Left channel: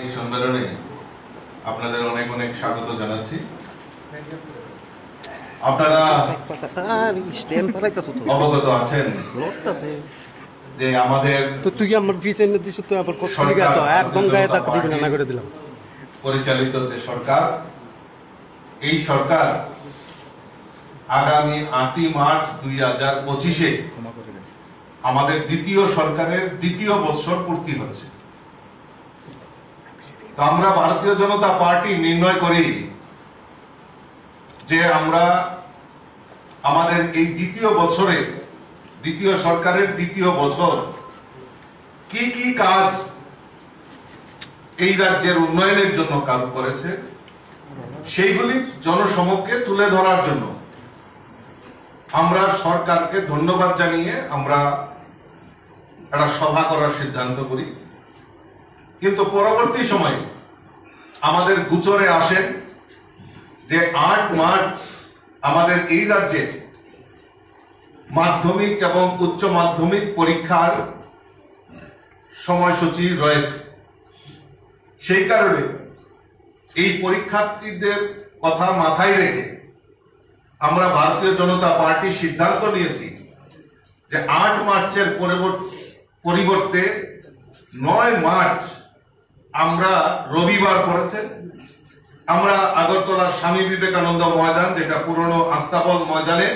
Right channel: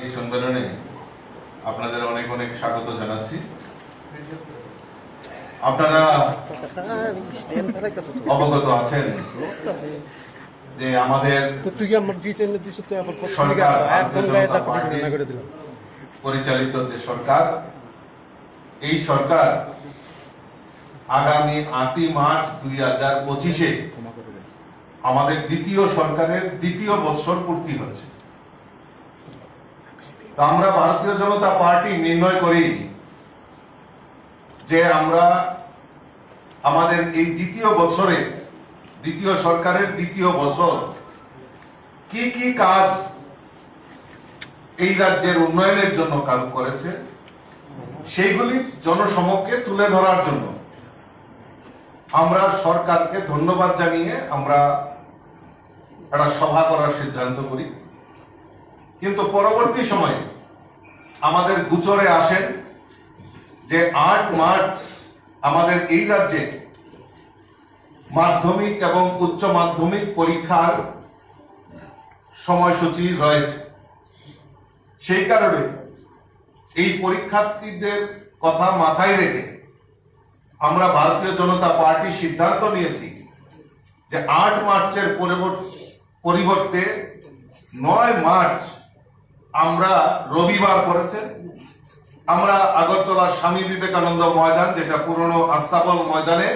এই সম্মেলনে আপনাদের অনেক অনেক স্বাগত জানাচ্ছি। আপনারা অবগত আছেন যে আমাদের পরিচালিত যে সরকার, এই সরকার আগামী 8ই মার্চ 2025-এ আমাদের দ্বিতীয় সরকারের দ্বিতীয় বৎসর পূর্তি হচ্ছে। তো আমরা ভারতীয় জনতা পার্টি নির্ণয় করি যে আমরা আমাদের এই দ্বিতীয় বছরে, দ্বিতীয় সরকারের দ্বিতীয় বছর কি কি কাজ এই রাজ্যের উন্নয়নের জন্য কাজ করেছে সেইগুলি জনসমক্ষে তুলে ধরার জন্য আমরা সরকারকে ধন্যবাদ জানিয়ে আমরা একটা সভা করার সিদ্ধান্ত করি। কিন্তু পরবর্তী সময়ে আমাদের গোচরে আসেন যে 8 মার্চ আমাদের এই রাজ্যে মাধ্যমিক এবং উচ্চ মাধ্যমিক পরীক্ষার সময়সূচি রয়েছে। সেই কারণে এই পরীক্ষার্থীদের কথা মাথায় রেখে আমরা ভারতীয় জনতা পার্টি সিদ্ধান্ত নিয়েছি যে 8 মার্চের পরিবর্তে 9 মার্চ আমরা রবিবার করেছে আমরা আগরতলার স্বামী বিবেকানন্দ ময়দান, যেটা পুরনো আস্তাবল ময়দানে,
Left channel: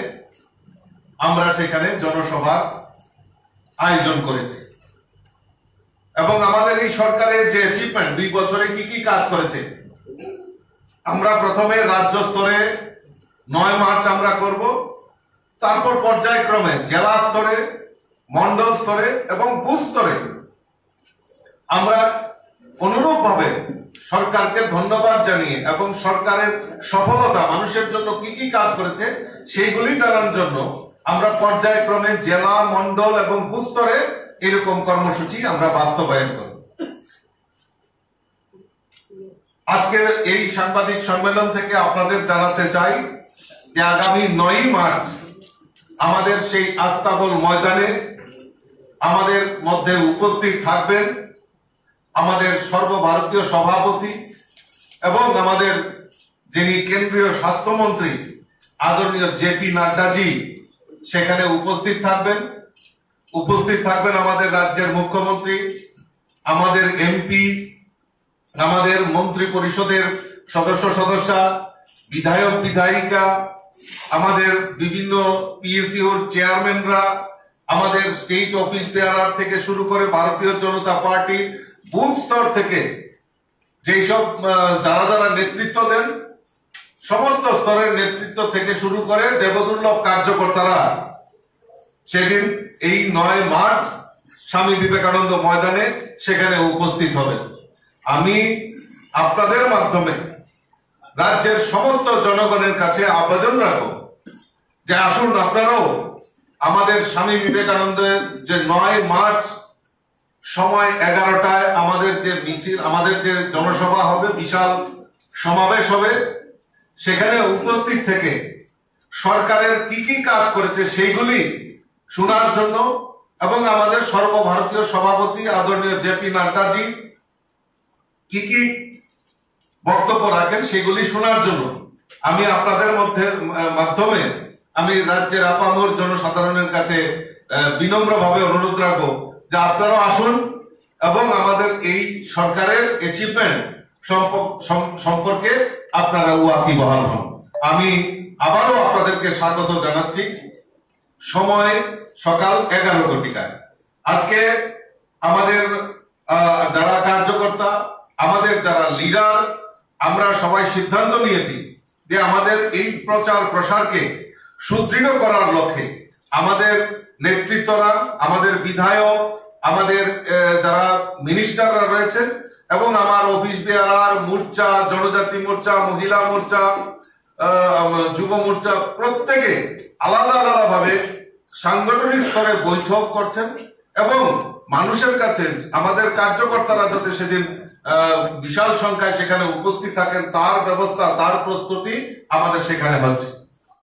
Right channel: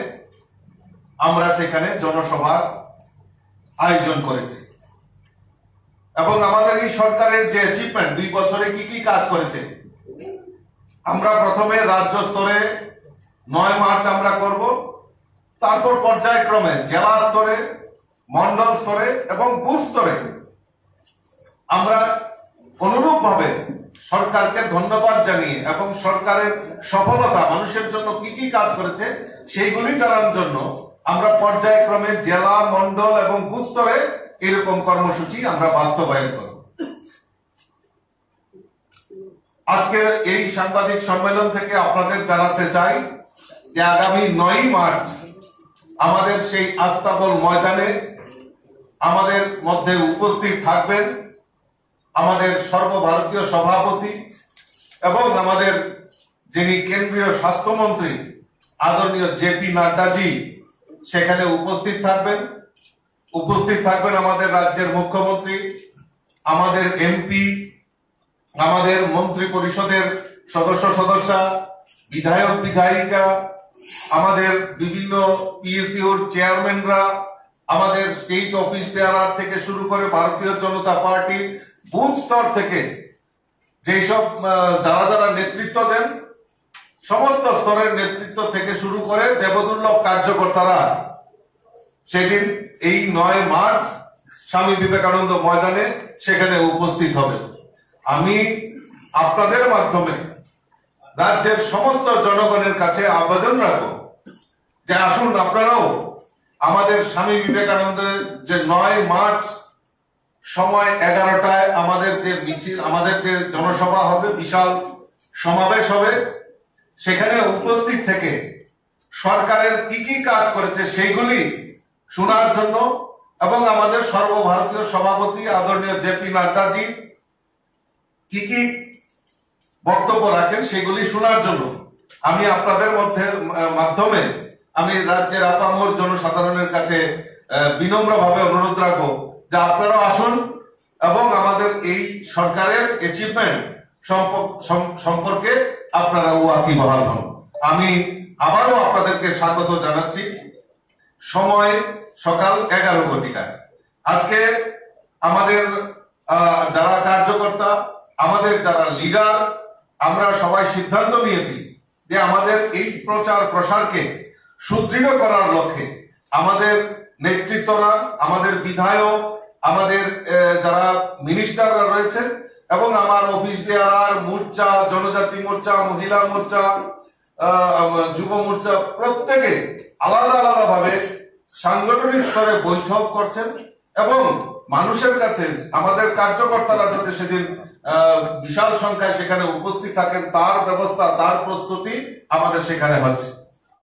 আমরা সেখানে জনসভার আয়োজন করেছি। এবং আমাদের এই সরকারের যে অ্যাচিভমেন্ট, 2 বছরে কি কি কাজ করেছে, আমরা প্রথমে রাজ্য স্তরে 9 মার্চ আমরা করব, তারপর পর্যায়ক্রমে জেলা স্তরে, মন্ডল স্তরে এবং বুথ স্তরে আমরা অনুরূপভাবে সরকারকে ধন্যবাদ জানিয়ে এবং সরকারের সফলতা মানুষের জন্য কি কি কাজ করেছে সেইগুলি জানার জন্য আমরা পর্যায়ক্রমে জেলা, মন্ডল এবং বুথ স্তরে এরকম কর্মসূচি আমরা বাস্তবায়ন করব। আজকের এই সাংবাদিক সম্মেলন থেকে আপনাদের জানাতে চাই যে আগামী 9 মার্চ আমাদের সেই আস্তাবল ময়দানে আমাদের মধ্যে উপস্থিত থাকবেন আমাদের সর্বভারতীয় সভাপতি এবং আমাদের যিনি কেন্দ্রীয় স্বাস্থ্যমন্ত্রী আদরণীয় জেপি নাড্ডাজি সেখানে উপস্থিত থাকবেন আমাদের রাজ্যের মুখ্যমন্ত্রী, আমাদের এমপি, আমাদের মন্ত্রী পরিষদের সদস্যা, বিধায়ক বিধায়িকা, আমাদের বিভিন্ন পিএসইউর চেয়ারম্যানরা, আমাদের স্টেট অফিস বেয়ারার থেকে শুরু করে ভারতীয় জনতা পার্টি বুথ স্তর থেকে যেসব যারা নেতৃত্ব দেন, সমস্ত স্তরের নেতৃত্ব থেকে শুরু করে দেবদুর্লভ কার্যকর্তারা সেদিন এই 9 মার্চ স্বামী বিবেকানন্দ ময়দানে সেখানে উপস্থিত হবেন। আমি আপনাদের মাধ্যমে রাজ্যের সমস্ত জনগণের কাছে আবেদন রাখব যে আসুন আপনারাও আমাদের স্বামী বিবেকানন্দের যে 9 মার্চ সময় 11টায় আমাদের যে মিছিল, আমাদের যে জনসভা হবে, বিশাল সমাবেশ হবে, সেখানে উপস্থিত থেকে সরকারের কি কি কাজ করেছে সেইগুলি শোনার জন্য এবং আমাদের সর্বভারতীয় সভাপতি আদরণীয় জেপি নাড্ডাজি কি কি বক্তব্য রাখেন সেগুলি শোনার জন্য আমি আপনাদের মাধ্যমে আমি রাজ্যের আপামর জনসাধারণের কাছে বিনম্রভাবে অনুরোধ রাখবো যে আপনারা আসুন এবং আমাদের এই সরকারের অ্যাচিভমেন্ট সম্পর্কে আপনারা ওয়াকিবহাল হন। আমি আবারও আপনাদেরকে স্বাগত জানাচ্ছি। সময় সকাল 11 ঘটিকায়। আজকে আমাদের যারা কার্যকর্তা, আমাদের যারা লিডার, আমরা সবাই সিদ্ধান্ত নিয়েছি যে আমাদের এই প্রচার প্রসারকে সুদৃঢ় করার লক্ষ্যে আমাদের নেতৃত্বরা, আমাদের বিধায়ক, আমাদের যারা মিনিস্টাররা রয়েছেন এবং আমার অফিস বেয়ারার মোর্চা, জনজাতি মোর্চা, মহিলা মোর্চা, যুব মোর্চা, প্রত্যেকে আলাদা আলাদা ভাবে সাংগঠনিক স্তরে বৈঠক করছেন এবং মানুষের কাছে আমাদের কার্যকর্তারা যাতে সেদিন বিশাল সংখ্যায় সেখানে উপস্থিত থাকেন তার ব্যবস্থা, তার প্রস্তুতি আমাদের সেখানে হচ্ছে।